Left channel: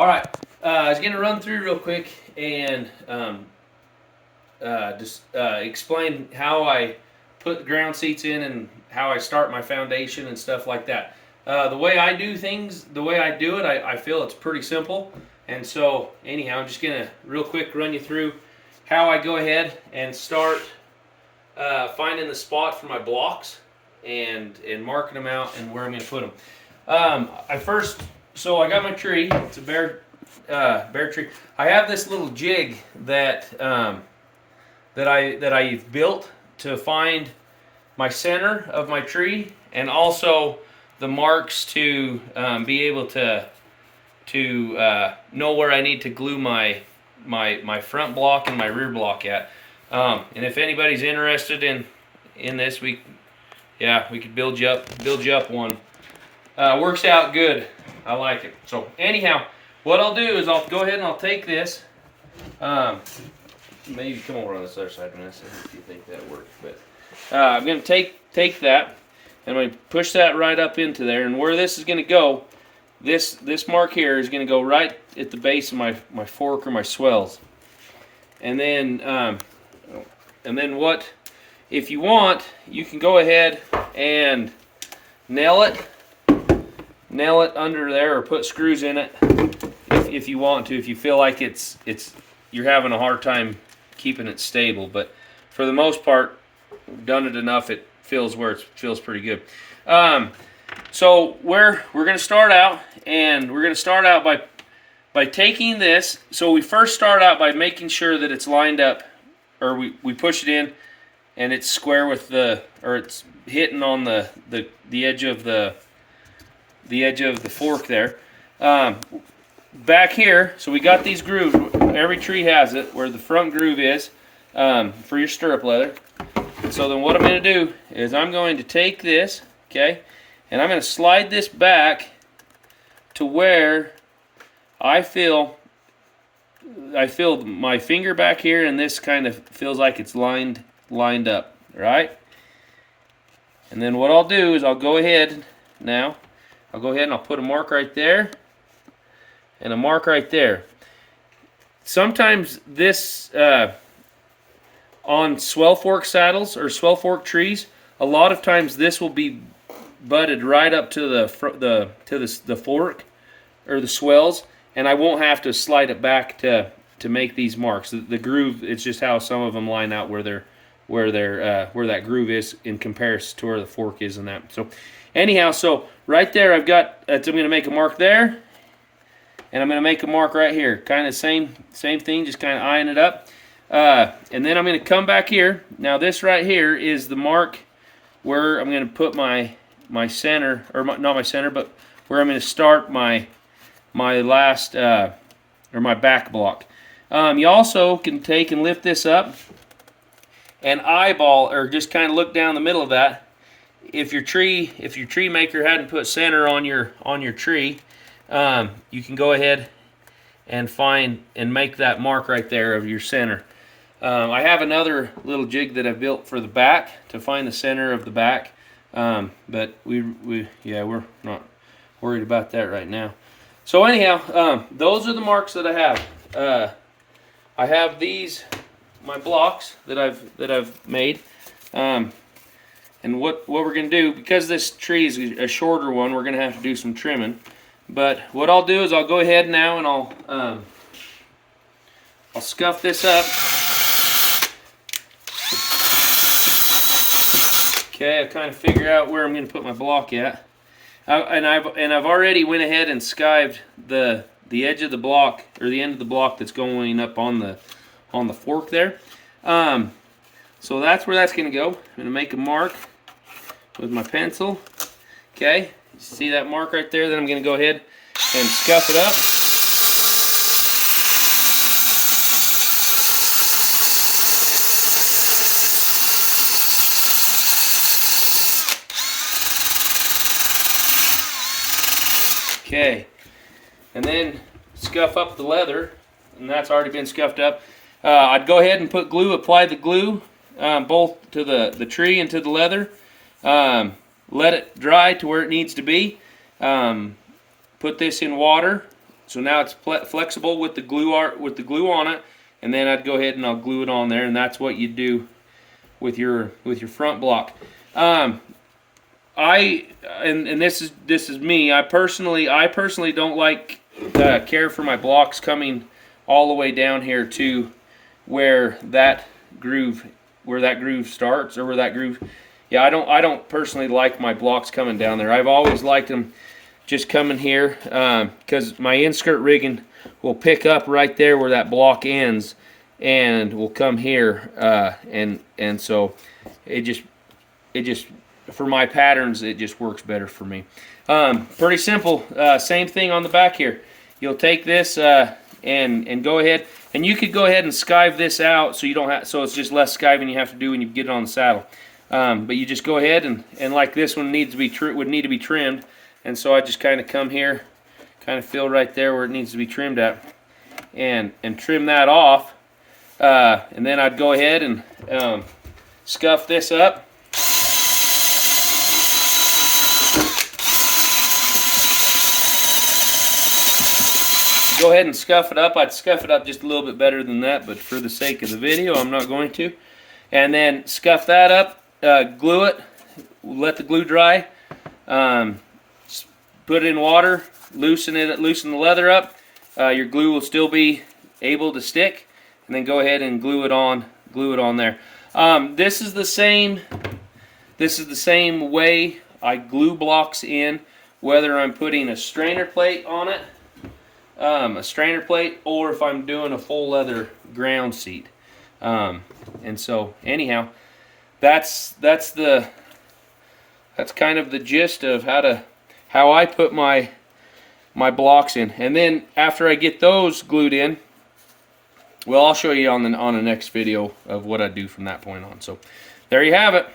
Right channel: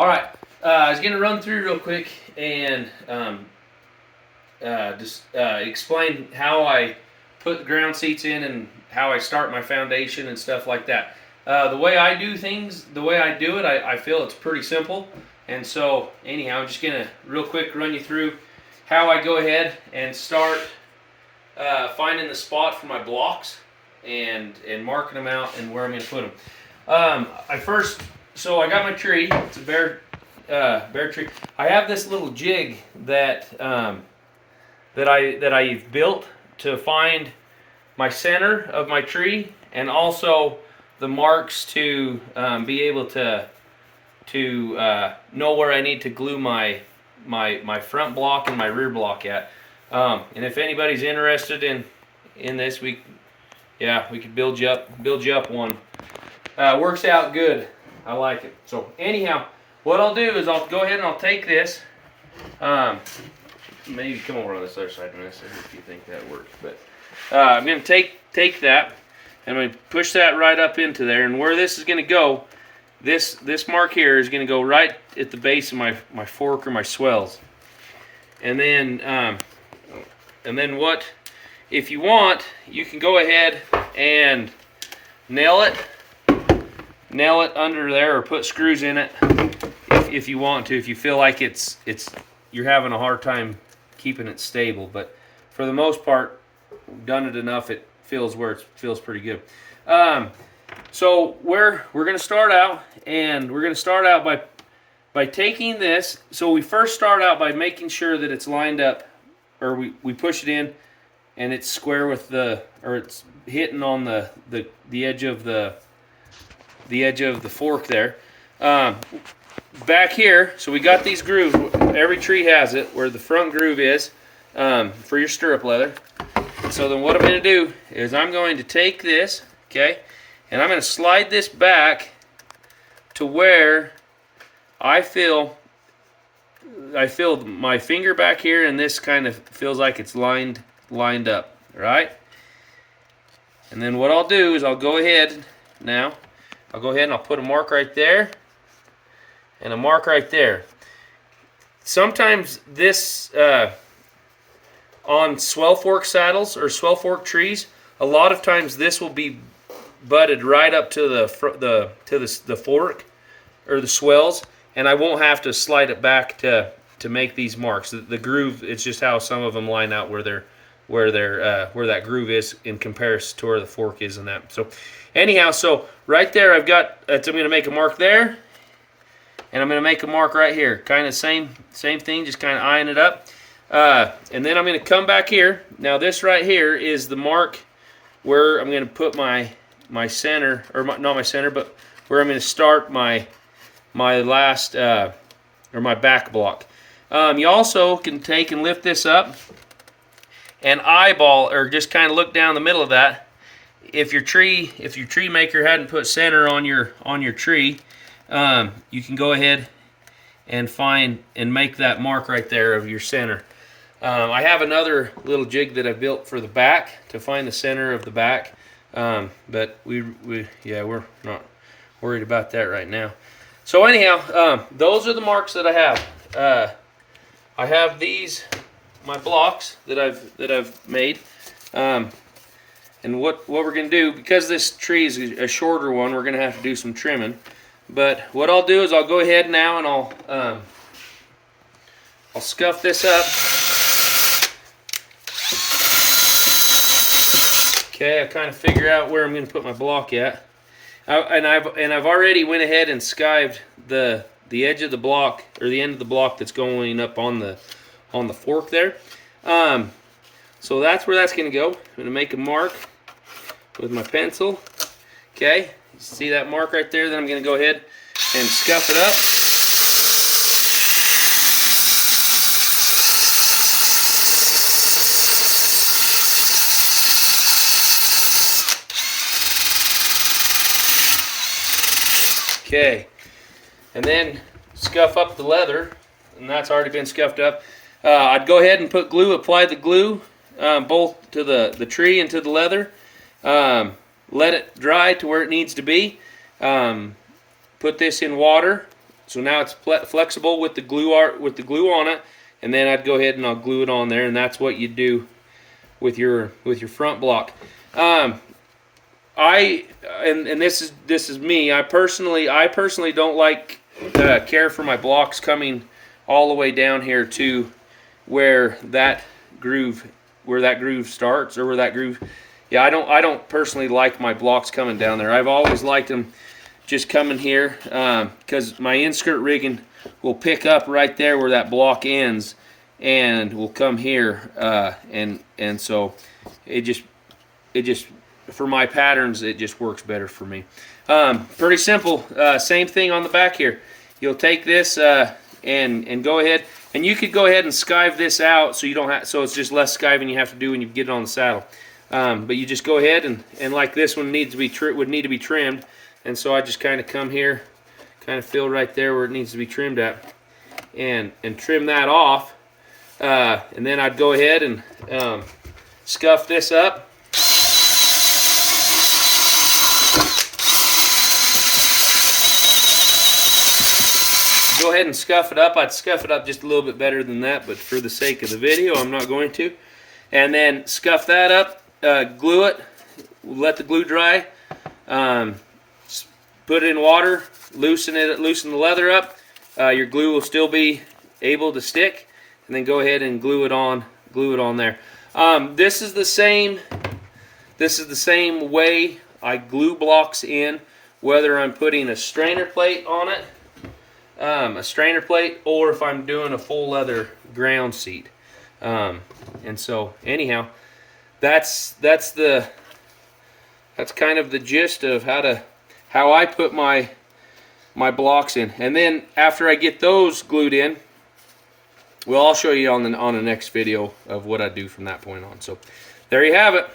All right, I was going to run through real quick and just explain how I put the ground seats in and how I start my foundation and stuff like that. The way I do things, the way I do it, I feel it's pretty simple. And so, anyhow, I'm just going to real quick run you through how I go ahead and start finding the spot for my blocks and marking them out and where I'm going to put them. So I got my tree. It's a bare tree. I have this little jig that I've built to find my center of my tree and also the marks to be able to know where I need to glue my front block and my rear block at. And if anybody's interested in this, we could build you up one. Works out good. I like it. So anyhow, what I'll do is I'll go ahead and I'll take this. Maybe come over on this other side of this if you think that works. But I'm going to take that and I'm going to push that right up into there. And where this is going to go, this mark here is going to go right at the base of my fork or my swells. And then what? If you want, you can go ahead and nail it under there or put screws in it if you want to, if you feel like you're having a hard time keeping it stable. But for the most part, we've done it enough, it feels pretty good. So we're going to start out, and we're going to start out by taking this. So we first start out by making sure that it's lined up, or we push it in and it's square with it's hitting on the edge of the fork there. Back here, so we got these grooves. Every tree has it where the front groove is for your stirrup leather. So then what I'm going to do is I'm going to take this, okay, and I'm going to slide this back to where I feel my finger back here, and this kind of feels like it's lined up, right? And then what I'll do is I'll go ahead and I'll put a mark right there and a mark right there. Sometimes this on swell fork saddles or swell fork trees, a lot of times this will be butted right up to the fork or the swells, and I won't have to slide it back to make these marks. The groove, it's just how some of them line out where that groove is in comparison to where the fork is in that. So anyhow, so right there I'm going to make a mark there, and I'm going to make a mark right here. Kind of same thing, just kind of eyeing it up. And then I'm going to come back here. Now this right here is the mark where I'm going to put my center, or not my center, but where I'm going to start my last or my back block. You also can take and lift this up and eyeball, or just kind of look down the middle of that. If your tree maker hadn't put center on your tree, you can go ahead and find and make that mark right there of your center. I have another little jig that I built for the back to find the center of the back, but we're not worried about that right now. So anyhow, those are the marks that I have. I have these, my blocks that I've made, and what we're going to do, because this tree is a shorter one, we're going to have to do some trimming. But what I'll do is I'll go ahead now and I'll scuff this up. Okay, I kind of figure out where I'm going to put my block at. I've already went ahead and skived the edge of the block, or the end of the block that's going up on the fork there. So that's where that's going to go. I'm going to make a mark with my pencil. Okay, see that mark right there? Then I'm going to go ahead and scuff it up. Okay, and then scuff up the leather, and that's already been scuffed up. I'd go ahead and apply the glue both to the tree and to the leather. Let it dry to where it needs to be. Put this in water, So now it's flexible with the glue on it, and then I'd go ahead and I'll glue it on there, and that's what you do with your front block. And this is me. I personally don't like care for my blocks coming all the way down here to where that groove starts, or where that groove. Yeah, I don't personally like my blocks coming down there. I've always liked them just coming here, because my inskirt rigging will pick up right there where that block ends, and will come here, and so it just for my patterns, it just works better for me. Pretty simple. Same thing on the back here. You'll take this and go ahead, and you could go ahead and skive this out, so you don't have, so it's just less skiving you have to do when you get it on the saddle. But you just go ahead and like this one would need to be trimmed, and so I just kind of come here, kind of feel right there where it needs to be trimmed at, and trim that off, and then I'd go ahead and scuff this up. Go ahead and scuff it up. I'd scuff it up just a little bit better than that, but for the sake of the video, I'm not going to. And then scuff that up, glue it, let the glue dry, put it in water, loosen the leather up. Your glue will still be able to stick, and then go ahead and glue it on there. This is the same way I glue blocks in, whether I'm putting a strainer plate on it, or if I'm doing a full leather ground seat. And so anyhow, that's kind of the gist of how I put my blocks in. And then after I get those glued in, well, I'll show you on the next video of what I do from that point on. So there you have it.